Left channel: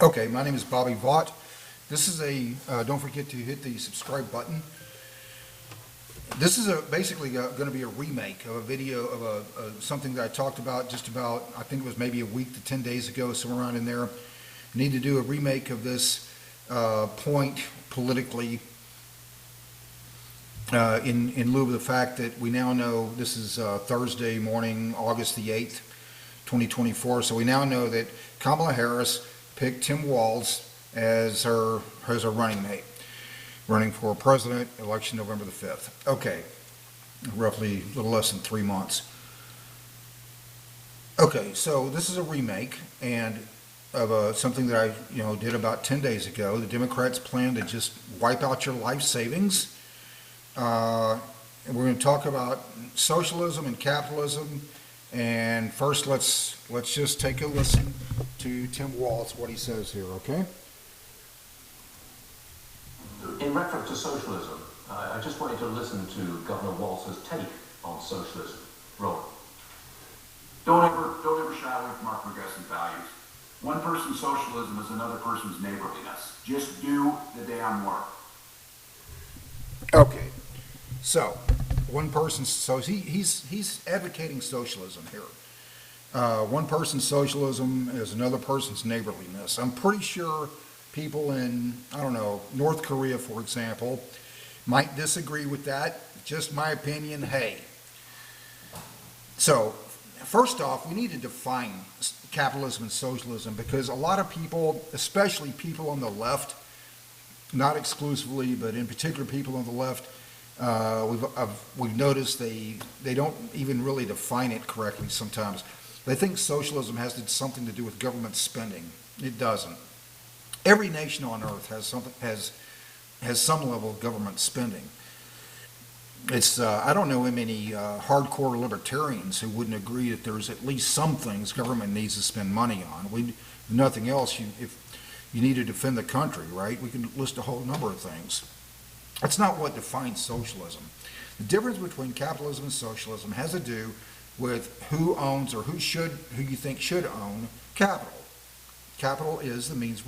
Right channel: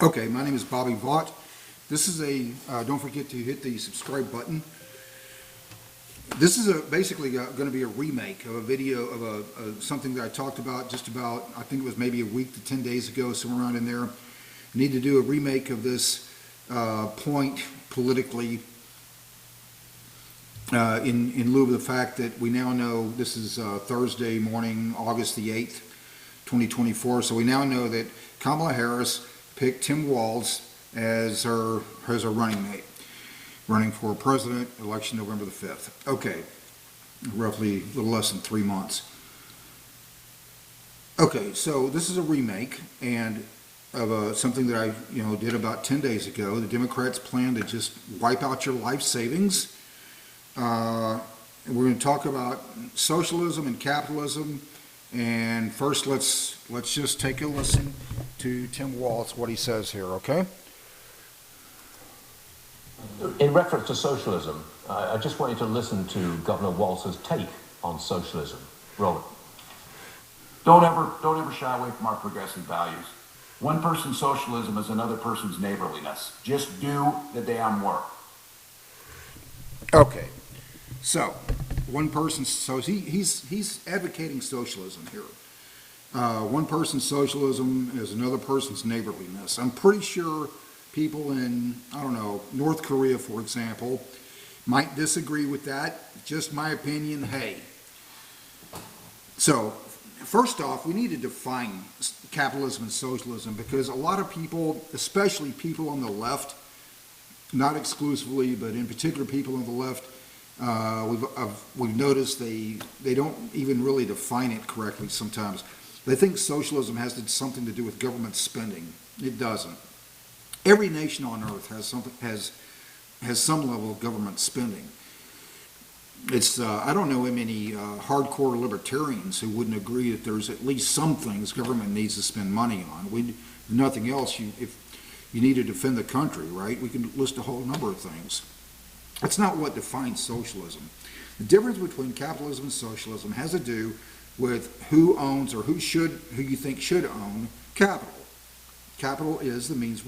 Okay, my name is Bobby Vaught. This is don't forget to hit the subscribe button. This is basically going to be a remake of a video of something that I talked about just about, I think it was maybe a week to 10 days ago, somewhere around in there. I need to do a remake of this point politically in lieu of the fact that we now know this is Thursday morning, August the 8th, 2024. So we now know that Kamala Harris picked Tim Walz as her running mate, running for president, election November the 5th. Okay, roughly a little less than 3 months. Okay, so this is a remake and of something that I did about 10 days ago. The Democrats plan to just wipe out your life savings. And we're going to talk about socialism and capitalism. And first, let's just take a listen to Tim Walz, what he says here, okay? In reference to socialism, I just want you to listen to Governor Walz's take on socialism. Roll. Don't ever shy away from our progressive values. One person's socialism is another person's neighborliness. Just do the damn work. Okay, so one person, so he's advocating socialism here. One person's socialism is another person's neighborliness. I'm pretty sure people in, I don't know, North Korea, for example, might disagree with that. Just my opinion, hey. So, first off, we need to define capitalism and socialism because a lot of people, especially people on the left, not exclusively, but in particular people on the left, we've noticed they don't even really define it correctly sometimes. They think socialism has something to do with government spending. It doesn't. Every nation on earth has some level of government spending. It's I don't know many hardcore libertarians who wouldn't agree that there's at least some things government needs to spend money on. If nothing else, if you need to defend the country, right? We can list a whole number of things. That's not what defines socialism. The difference between capitalism and socialism has to do with who owns or who you think should own capital. Capital is the means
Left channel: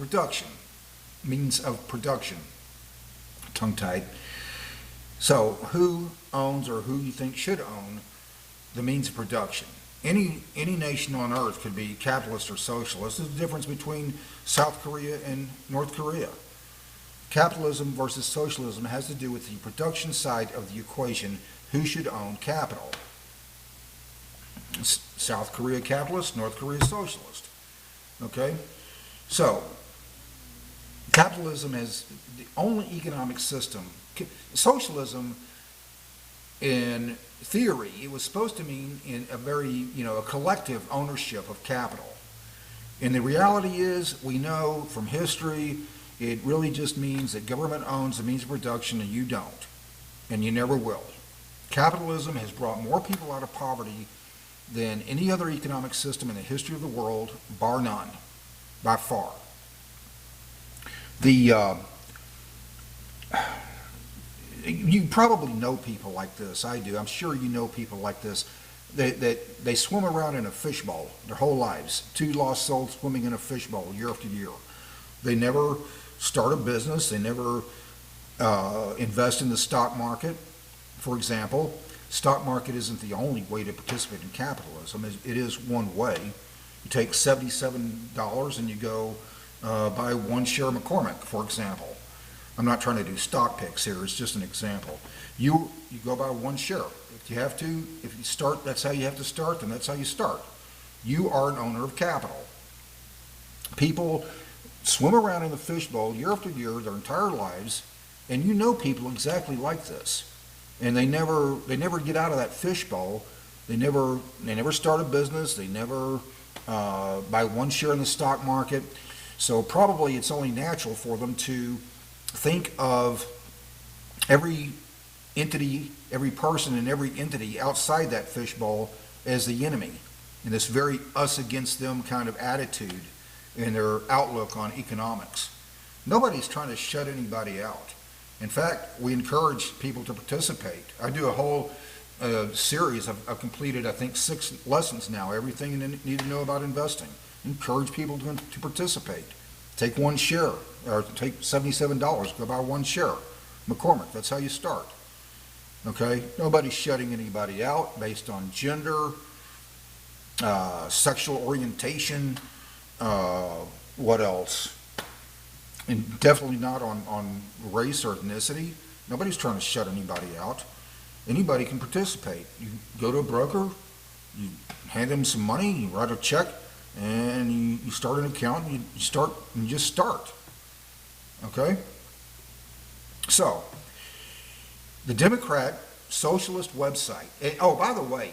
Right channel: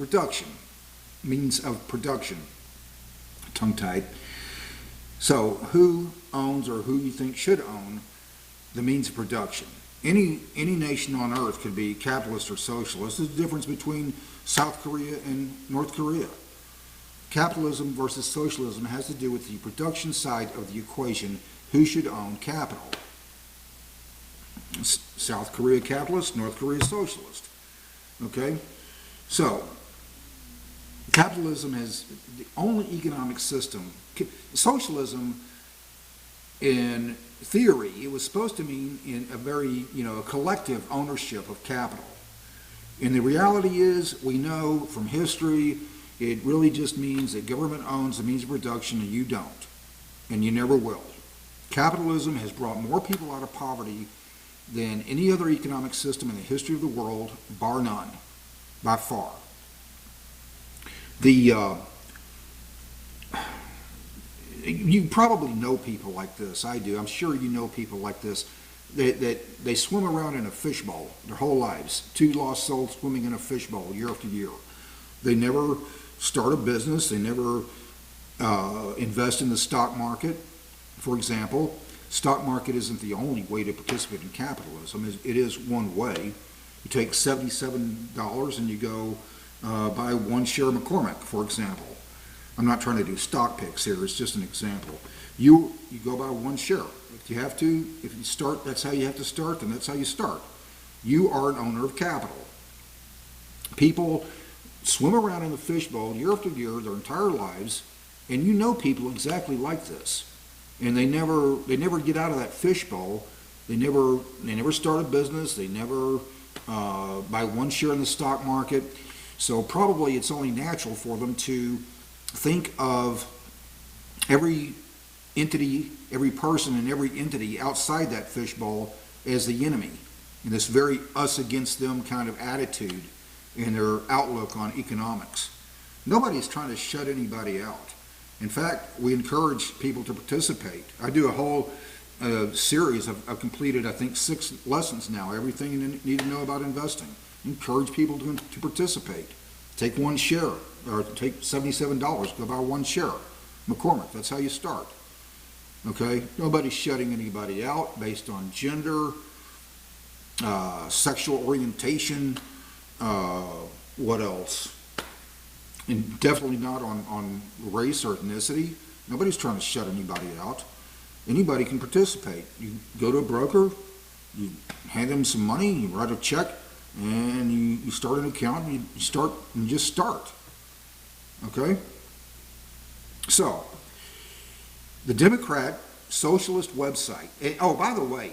of production. Tongue-tied. So who owns or who you think should own the means of production? Any nation on earth could be capitalist or socialist. There's a difference between South Korea and North Korea. Capitalism versus socialism has to do with the production side of the equation. Who should own capital? South Korea capitalist, North Korea socialist. Okay? So, capitalism is the only economic system. Socialism, in theory, it was supposed to mean in a collective ownership of capital. And the reality is, we know from history, it really just means that government owns the means of production and you don't. And you never will. Capitalism has brought more people out of poverty than any other economic system in the history of the world, bar none, by far. You probably know people like this. I do. I'm sure you know people like this. They swim around in a fishbowl their whole lives. Two lost souls swimming in a fishbowl year after year. They never start a business. They never invest in the stock market, for example. Stock market isn't the only way to participate in capitalism. It is one way. You take $77 and you go buy one share of McCormick, for example. I'm not trying to do stock picks here. It's just an example. You go buy one share. If you start, that's how you have to start, then that's how you start. You are an owner of capital. People swim around in the fishbowl year after year their entire lives, and you know people exactly like this. And they never get out of that fishbowl. They never start a business. They never buy one share in the stock market. So probably it's only natural for them to think of every entity, every person and every entity outside that fishbowl as the enemy, and this very us against them kind of attitude in their outlook on economics. Nobody's trying to shut anybody out. In fact, we encourage people to participate. I do a whole series. I've completed, I think, 6 lessons now, everything you need to know about investing. Encourage people to participate. Take one share, or take $77, go buy one share. McCormick, that's how you start. Okay? Nobody's shutting anybody out based on gender, sexual orientation, what else? And definitely not on race or ethnicity. Nobody's trying to shut anybody out. Anybody can participate. You go to a broker, you hand them some money, you write a check, and you start an account, and you just start. Okay? So, the Democrat Socialist website. And, oh, by the way,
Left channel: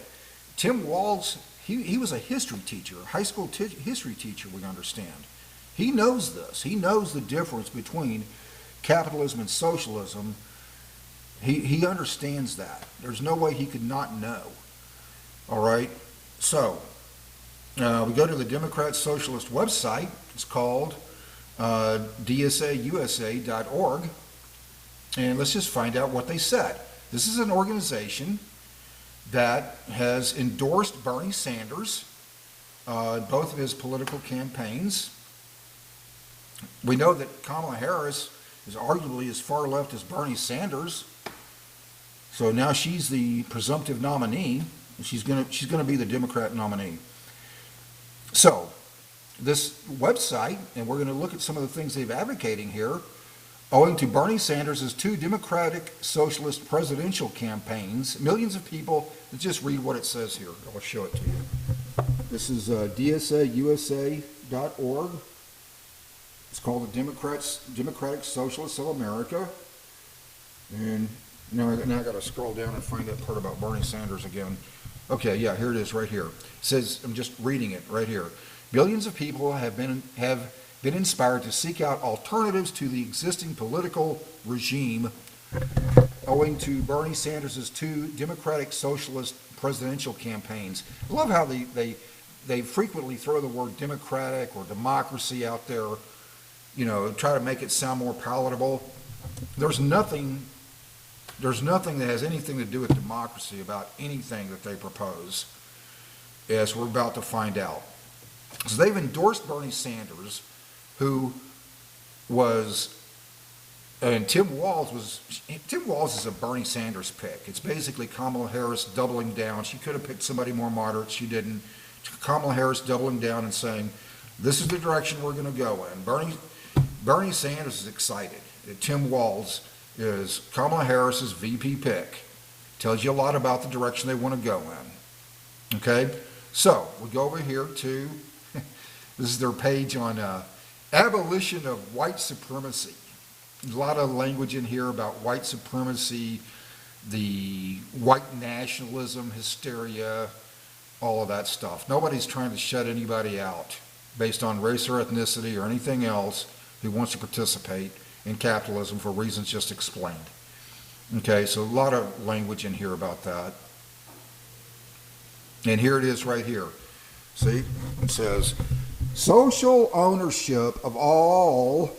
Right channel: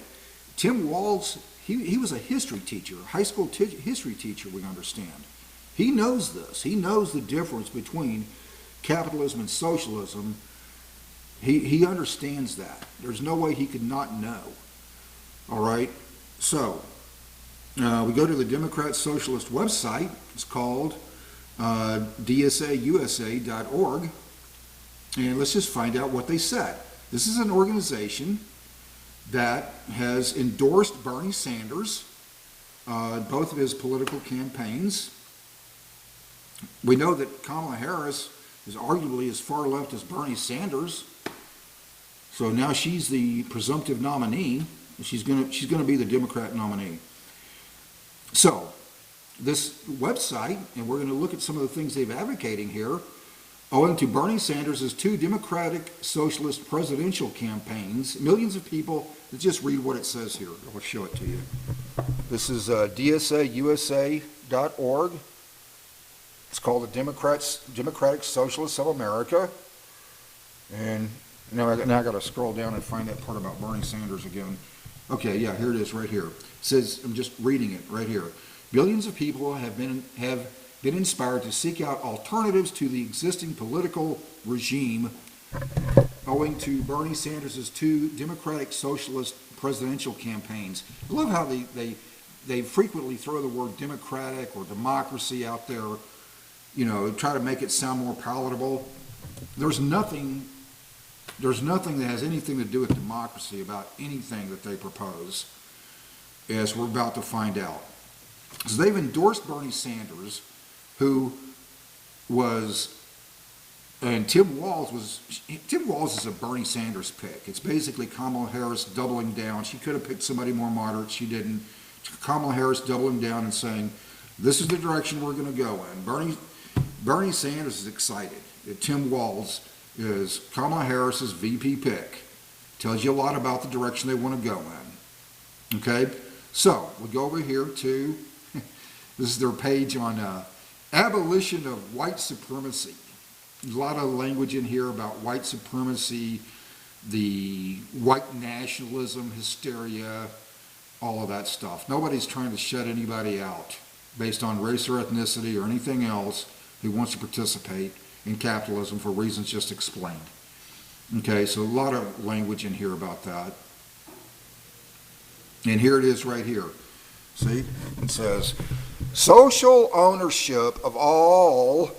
Tim Walz, he was a history teacher, a high school history teacher, we understand. He knows this. He knows the difference between capitalism and socialism. He understands that. There's no way he could not know. All right? So, we go to the Democrat Socialist website. It's called dsausa.org. And let's just find out what they said. This is an organization that has endorsed Bernie Sanders, both of his political campaigns. We know that Kamala Harris is arguably as far left as Bernie Sanders. So now she's the presumptive nominee. She's gonna be the Democrat nominee. So this website, and we're going to look at some of the things they're advocating here, owing to Bernie Sanders' 2 Democratic Socialist presidential campaigns, millions of people, let's just read what it says here. I'll show it to you. This is dsausa.org. It's called the Democratic Socialists of America. And now I got to scroll down and find that part about Bernie Sanders again. Okay, yeah, here it is right here. It says, I'm just reading it right here. Billions of people have been inspired to seek out alternatives to the existing political regime owing to Bernie Sanders' 2 Democratic Socialist presidential campaigns. I love how they frequently throw the word democratic or democracy out there, you know, try to make it sound more palatable. There's nothing that has anything to do with democracy about anything that they propose, as we're about to find out. So they've endorsed Bernie Sanders, who was, and Tim Walz is a Bernie Sanders pick. It's basically Kamala Harris doubling down. She could have picked somebody more moderate. She didn't. Kamala Harris doubling down and saying, this is the direction we're going to go in. Bernie Sanders is excited. Tim Walz is Kamala Harris's VP pick. Tells you a lot about the direction they want to go in. Okay? So, we go over here to, this is their page on abolition of white supremacy. There's a lot of language in here about white supremacy, the white nationalism, hysteria, all of that stuff. Nobody's trying to shut anybody out based on race or ethnicity or anything else who wants to participate in capitalism for reasons just explained. Okay, so a lot of language in here about that. And here it is right here. See, it says, social ownership of all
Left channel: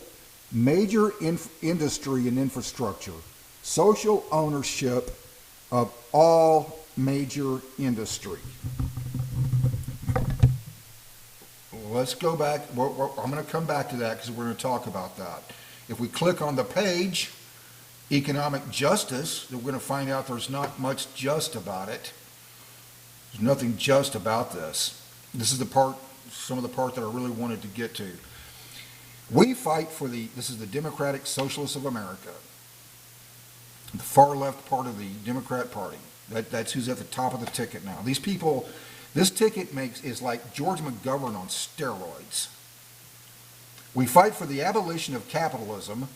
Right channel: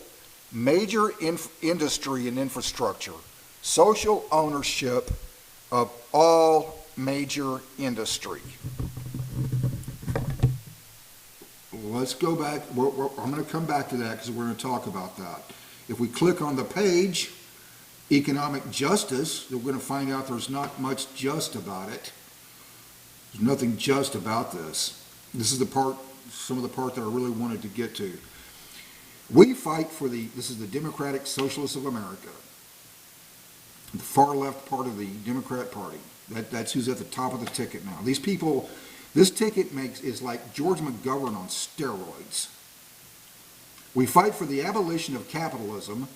major industry and infrastructure. Social ownership of all major industry. Let's go back. I'm going to come back to that because we're going to talk about that. If we click on the page, economic justice, we're going to find out there's not much just about it. There's nothing just about this. This is the part, some of the part that I really wanted to get to. We fight for this is the Democratic Socialists of America, the far left part of the Democrat Party. That's who's at the top of the ticket now. These people, this ticket is like George McGovern on steroids. We fight for the abolition of capitalism,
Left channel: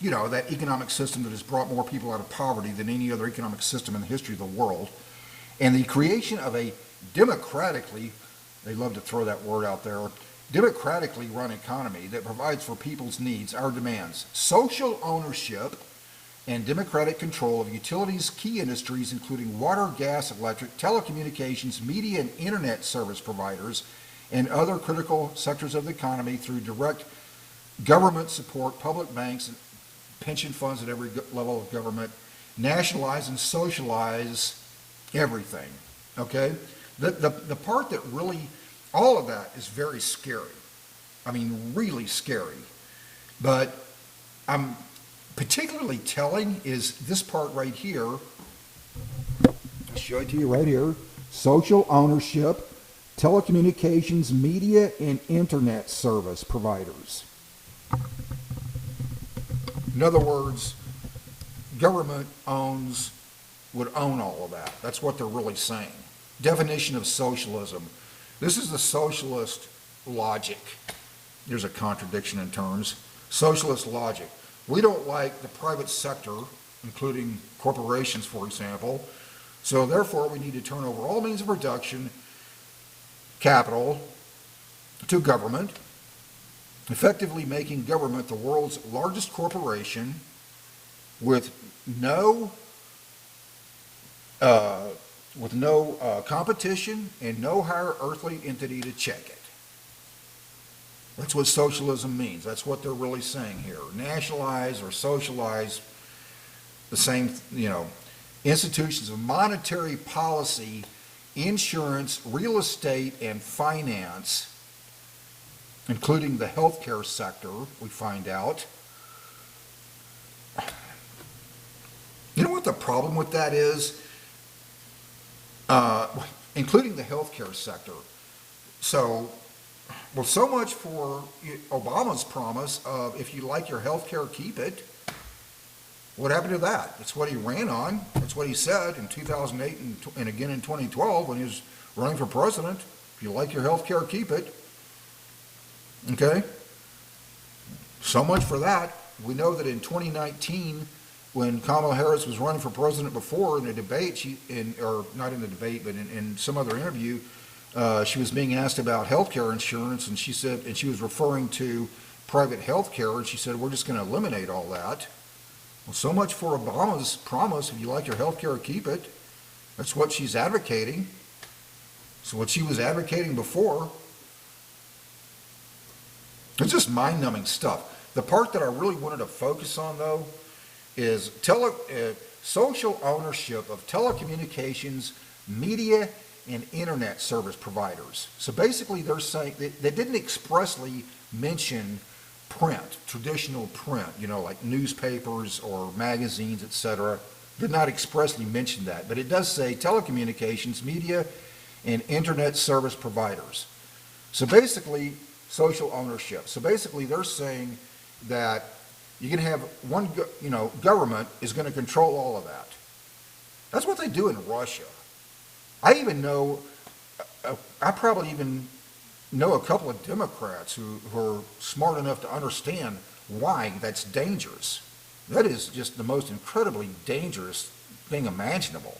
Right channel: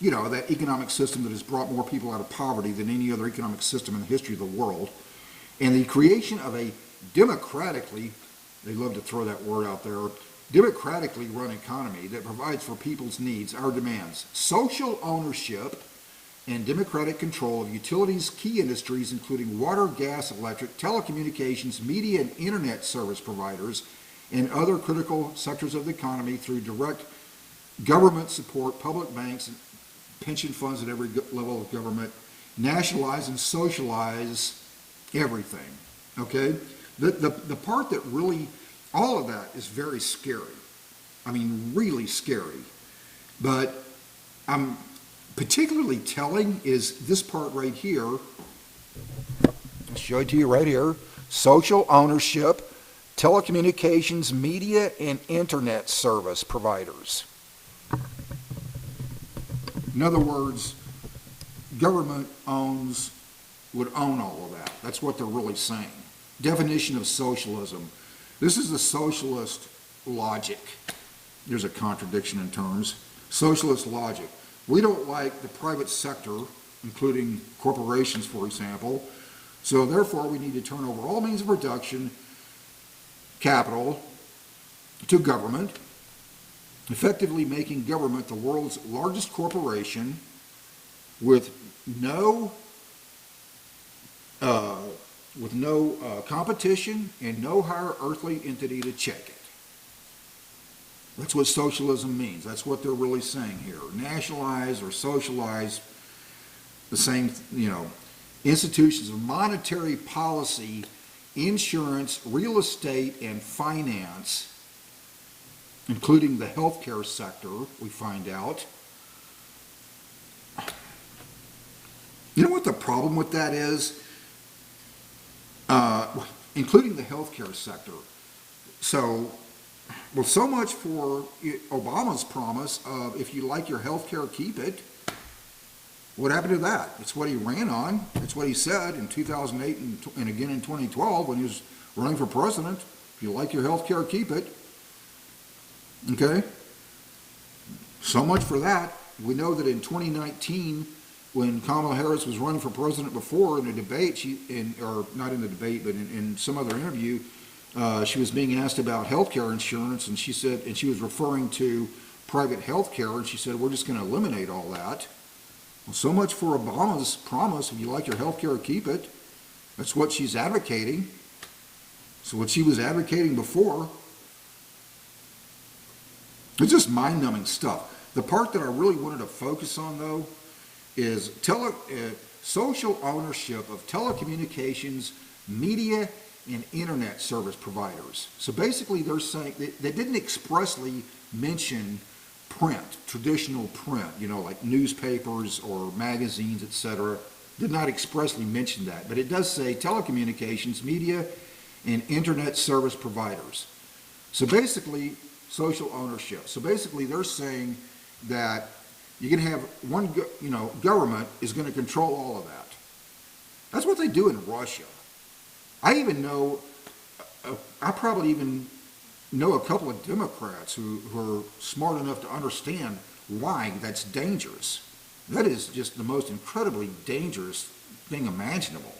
you know, that economic system that has brought more people out of poverty than any other economic system in the history of the world, and the creation of a democratically, they love to throw that word out there, democratically run economy that provides for people's needs, our demands, social ownership, and democratic control of utilities, key industries, including water, gas, electric, telecommunications, media, and internet service providers, and other critical sectors of the economy through direct government support, public banks, and pension funds at every level of government, nationalize and socialize everything, okay? The part that really, all of that is very scary. I mean, really scary. But I'm particularly telling is this part right here. I'll show it to you right here. Social ownership, telecommunications, media, and internet service providers. In other words, government would own all of that. That's what they're really saying. Definition of socialism. This is the socialist logic. There's a contradiction in terms. Socialist logic. We don't like the private sector, including corporations, for example, so therefore we need to turn over all means of production, capital, to government, effectively making government the world's largest corporation with no competition and no higher earthly entity to check it. That's what socialism means. That's what they're really saying here. Nationalize or socialize the same, institutions of monetary policy, insurance, real estate, and finance, including the healthcare sector, we find out. You know what the problem with that is? Including the healthcare sector. So much for Obama's promise of if you like your healthcare, keep it. What happened to that? It's what he ran on. It's what he said in 2008 and again in 2012 when he was running for president. If you like your health care, keep it. Okay? So much for that. We know that in 2019, when Kamala Harris was running for president before in a debate, or not in the debate, but in some other interview, she was being asked about health care insurance, and she said, and she was referring to private health care, and she said, we're just going to eliminate all that. Well, so much for Obama's promise, if you like your health care, keep it. That's what she's advocating. So what she was advocating before, it's just mind-numbing stuff. The part that I really wanted to focus on, though, is social ownership of telecommunications, media, and internet service providers. So basically they're saying, they didn't expressly mention print, traditional print, like newspapers or magazines, etc. Did not expressly mention that, but it does say telecommunications, media, and internet service providers. So basically, social ownership. So basically they're saying that you can have one, government is going to control all of that. That's what they do in Russia. I probably even know a couple of Democrats who are smart enough to understand why that's dangerous. That is just the most incredibly dangerous thing imaginable.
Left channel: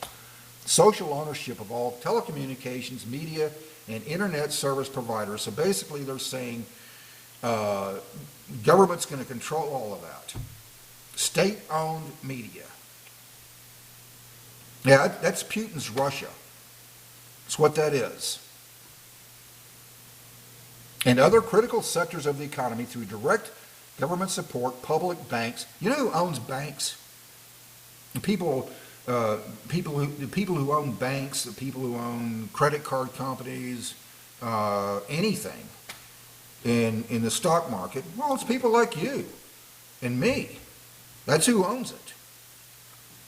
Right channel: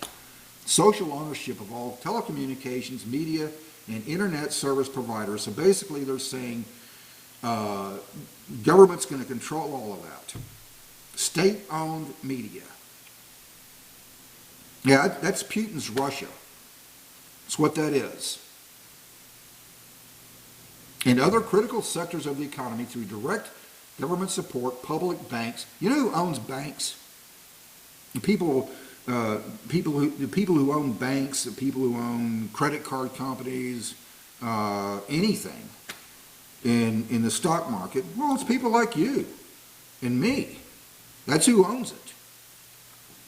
Social ownership of all telecommunications, media, and internet service providers. So basically they're saying government's going to control all of that. State-owned media. Yeah, that's Putin's Russia. That's what that is. And other critical sectors of the economy through direct government support, public banks. You know who owns banks? The people who own banks, the people who own credit card companies, anything in the stock market. Well, it's people like you and me. That's who owns it.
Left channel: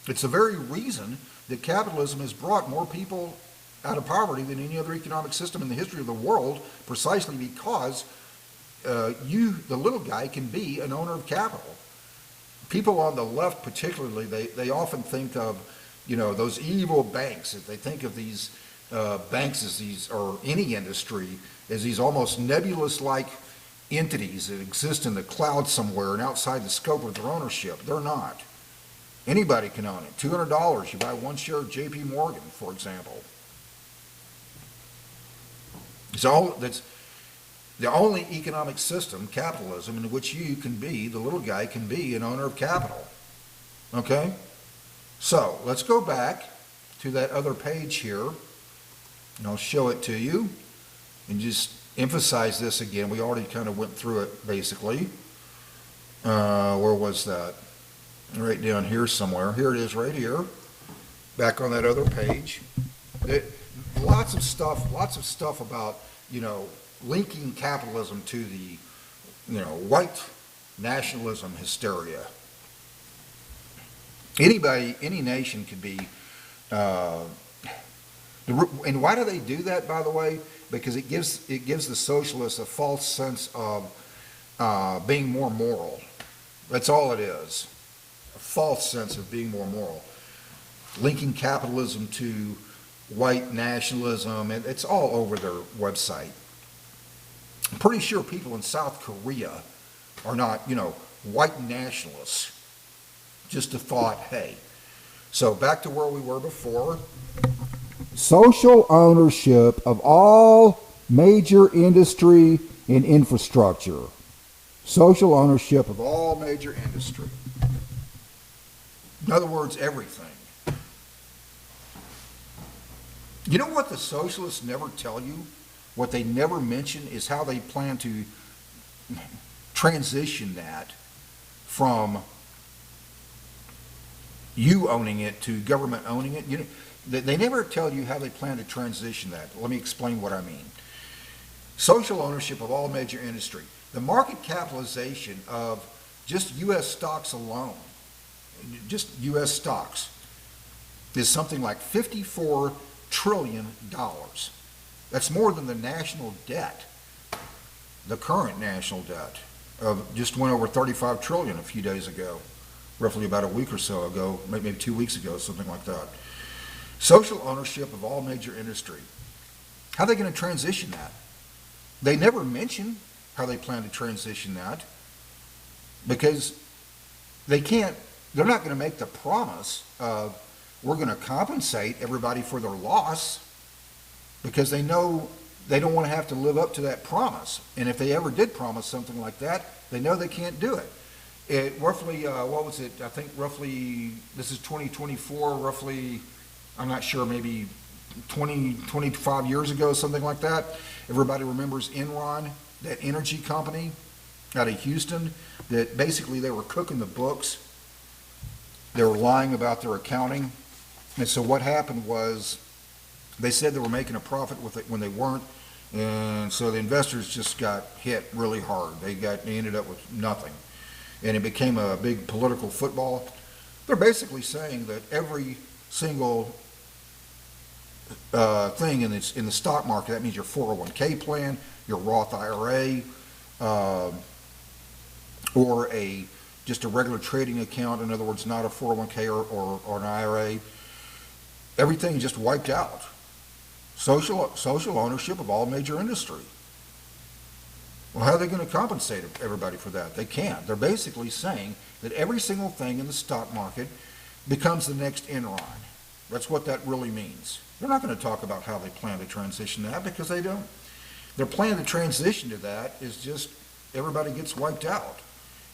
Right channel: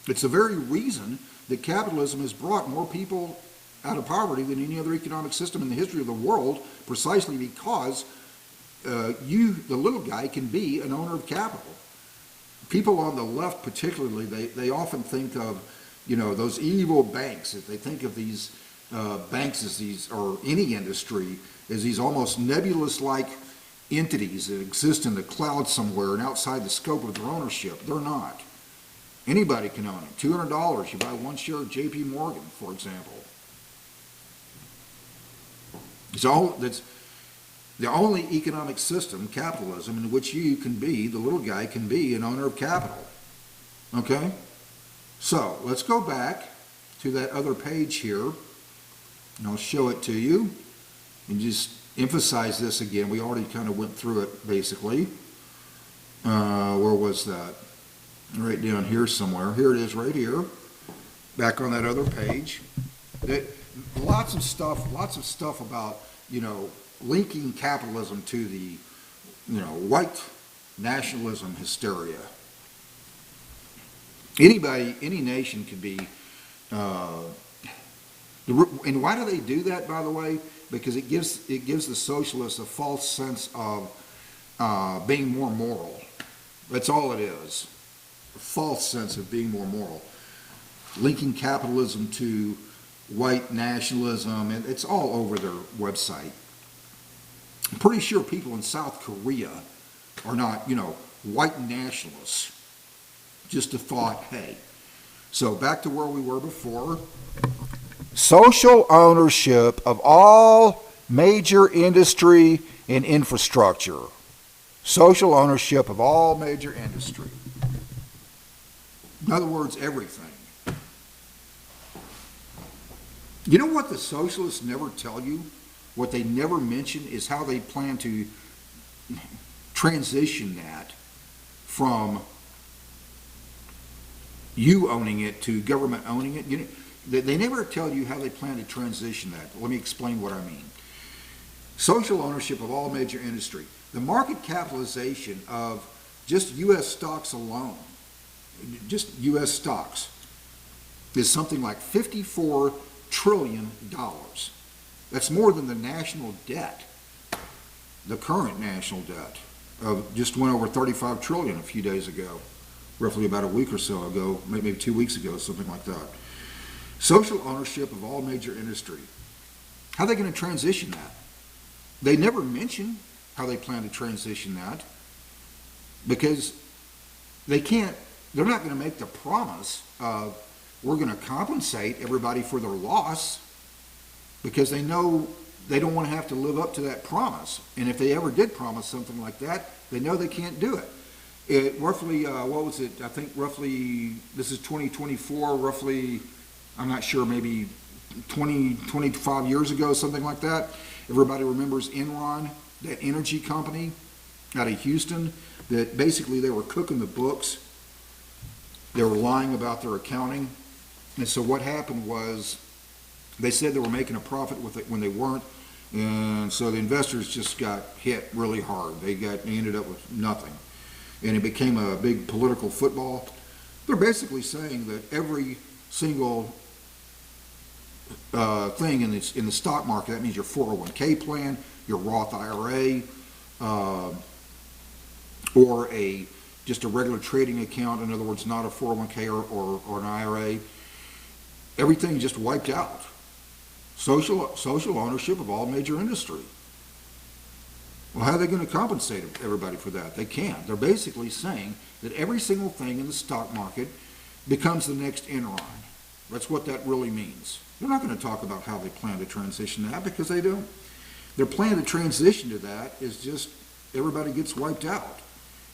It's the very reason that capitalism has brought more people out of poverty than any other economic system in the history of the world, precisely because you, the little guy, can be an owner of capital. People on the left particularly, they often think of, those evil banks. They think of these banks as these, or any industry, as these almost nebulous-like entities that exist in the cloud somewhere and outside the scope of their ownership. They're not. Anybody can own it. $200, you buy one share of J.P. Morgan, for example. That's the only economic system, capitalism, in which you can be, the little guy can be an owner of capital. Okay? So, let's go back to that other page here, and I'll show it to you, and just emphasize this again. We already kind of went through it, basically. Where was that? Right down here somewhere. Here it is right here. Back on that other page. Lots of stuff about, linking capitalism to the, white nationalism hysteria. Anybody, any nation could be, and why do they do that, by the way? Because it gives the socialists a false sense of being more moral. That's all it is. A false sense of being more moral. Linking capitalism to white nationalism, and it's all over their website. I'm pretty sure people in South Korea are not, white nationalists. Just a thought, hey. So back to where we were before. Social ownership of all major industry and infrastructure. Social ownership of all major industry. In other words, everything. You know what the socialists never tell you? What they never mention is how they plan to transition that from you owning it to government owning it. They never tell you how they plan to transition that. Let me explain what I mean. Social ownership of all major industry. The market capitalization of just U.S. stocks alone, just U.S. stocks, is something like $54 trillion. That's more than the national debt, the current national debt, of just went over 35 trillion a few days ago, roughly about a week or so ago, maybe 2 weeks ago, something like that. Social ownership of all major industry. How are they going to transition that? They never mention how they plan to transition that because they can't, they're not going to make the promise of we're going to compensate everybody for their loss because they know they don't want to have to live up to that promise. And if they ever did promise something like that, they know they can't do it. It roughly, what was it? I think roughly, this is 2024, roughly, I'm not sure, maybe 25 years ago, something like that. Everybody remembers Enron, that energy company out of Houston, that basically they were cooking the books. They were lying about their accounting. And so what happened was they said they were making a profit with it when they weren't. And so the investors just got hit really hard. They ended up with nothing. And it became a big political football. They're basically saying that every single thing in the stock market, that means your 401k plan, your Roth IRA, or just a regular trading account, in other words, not a 401k or an IRA, everything just wiped out. Social ownership of all major industry. Well, how are they going to compensate everybody for that? They can't. They're basically saying that every single thing in the stock market becomes the next Enron. That's what that really means. They're not going to talk about how they plan to transition that because they don't. Their plan to transition to that is just everybody gets wiped out.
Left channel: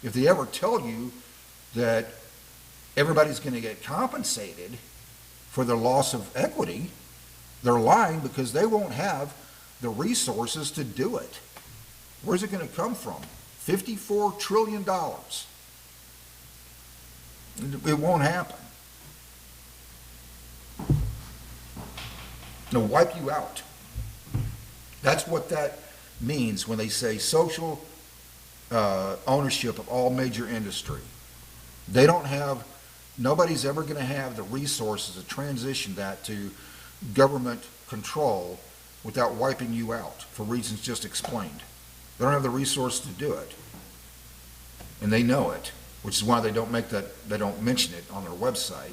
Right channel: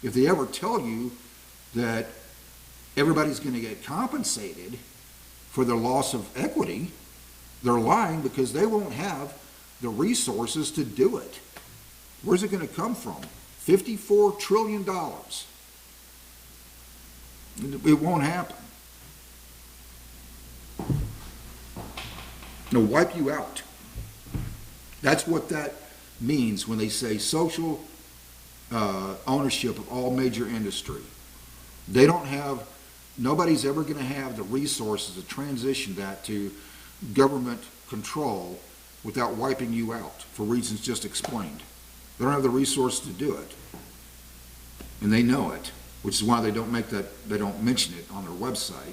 If they ever tell you that everybody's going to get compensated for their loss of equity, they're lying because they won't have the resources to do it. Where's it going to come from? $54 trillion. It won't happen. They'll wipe you out. That's what that means when they say social ownership of all major industry. They don't have, nobody's ever going to have the resources to transition that to government control without wiping you out for reasons just explained. They don't have the resources to do it. And they know it, which is why they don't mention it on their website.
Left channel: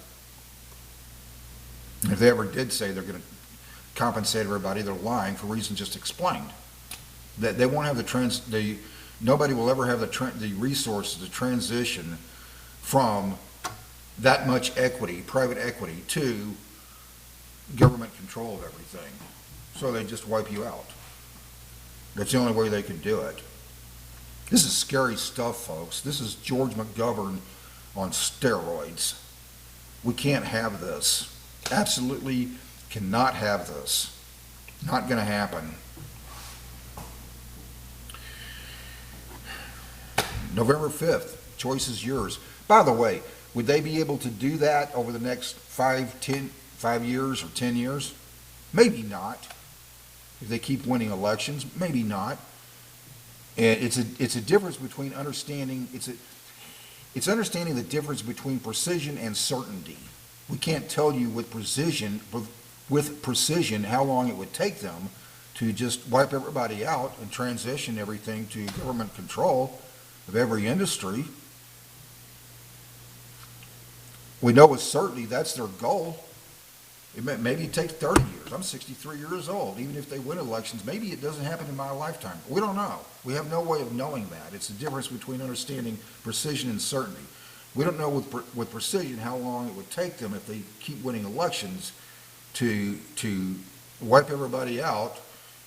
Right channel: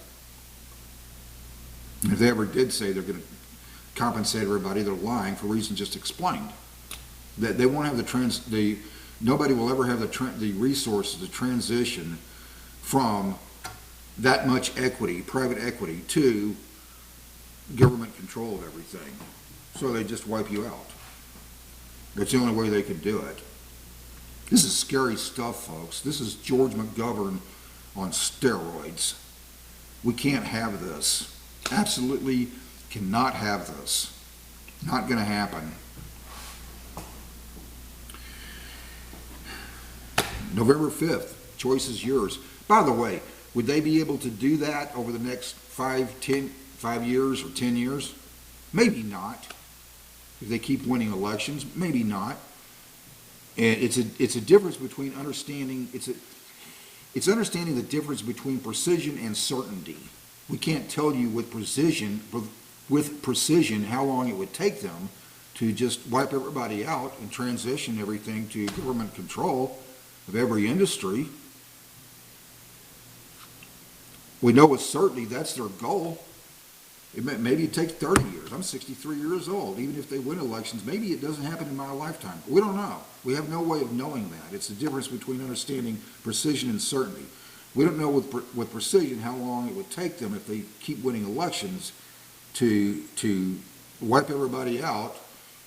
And if they ever did say they're going to compensate everybody, they're lying for reasons just explained. That they won't have nobody will ever have the resources to transition from that much equity, private equity, to government control of everything. So they just wipe you out. That's the only way they could do it. This is scary stuff, folks. This is George McGovern on steroids. We can't have this. Absolutely cannot have this. Not going to happen. November 5th, choice is yours. By the way, would they be able to do that over the next 5 years or 10 years? Maybe not. if they keep winning elections. Maybe not. And it's a difference between understanding, it's understanding the difference between precision and certainty. We can't tell you with precision how long it would take them to just wipe everybody out and transition everything to government control of every industry. We know with certainty that's their goal. Maybe it takes 30 years. I'm 63 years old. Even if they win elections, maybe it doesn't happen in my lifetime. We don't know. We have no way of knowing that. It's the difference between understanding precision and certainty. We don't know with precision how long it would take them if they keep winning elections to wipe everybody out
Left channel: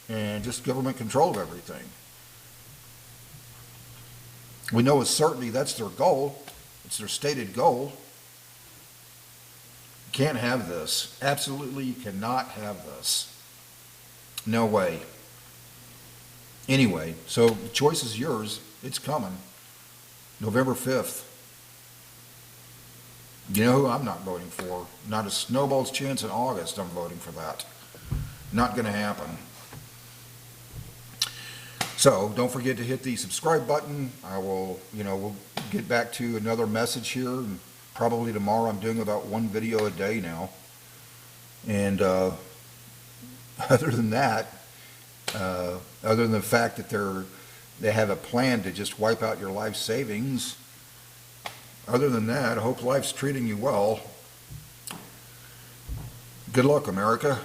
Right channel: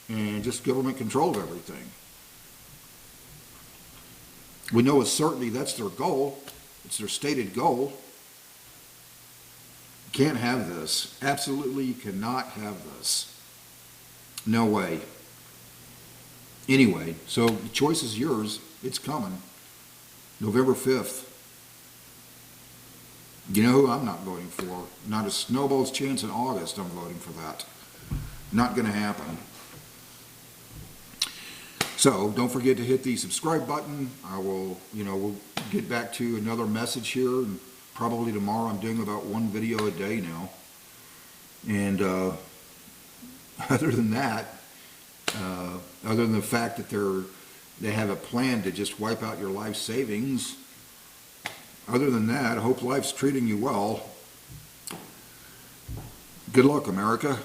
and just government control of everything. We know with certainty that's their goal. It's their stated goal. Can't have this. Absolutely, you cannot have this. No way. Anyway, so the choice is yours. It's coming. November 5th. You know who I'm not voting for? Not a snowball's chance in August I'm voting for that. Not going to happen. So don't forget to hit the subscribe button. we'll get back to another message here, and probably tomorrow. I'm doing about one video a day now. And other than that, other than the fact that they have a plan to just wipe out your life savings, other than that, I hope life's treating you well. Good luck, America.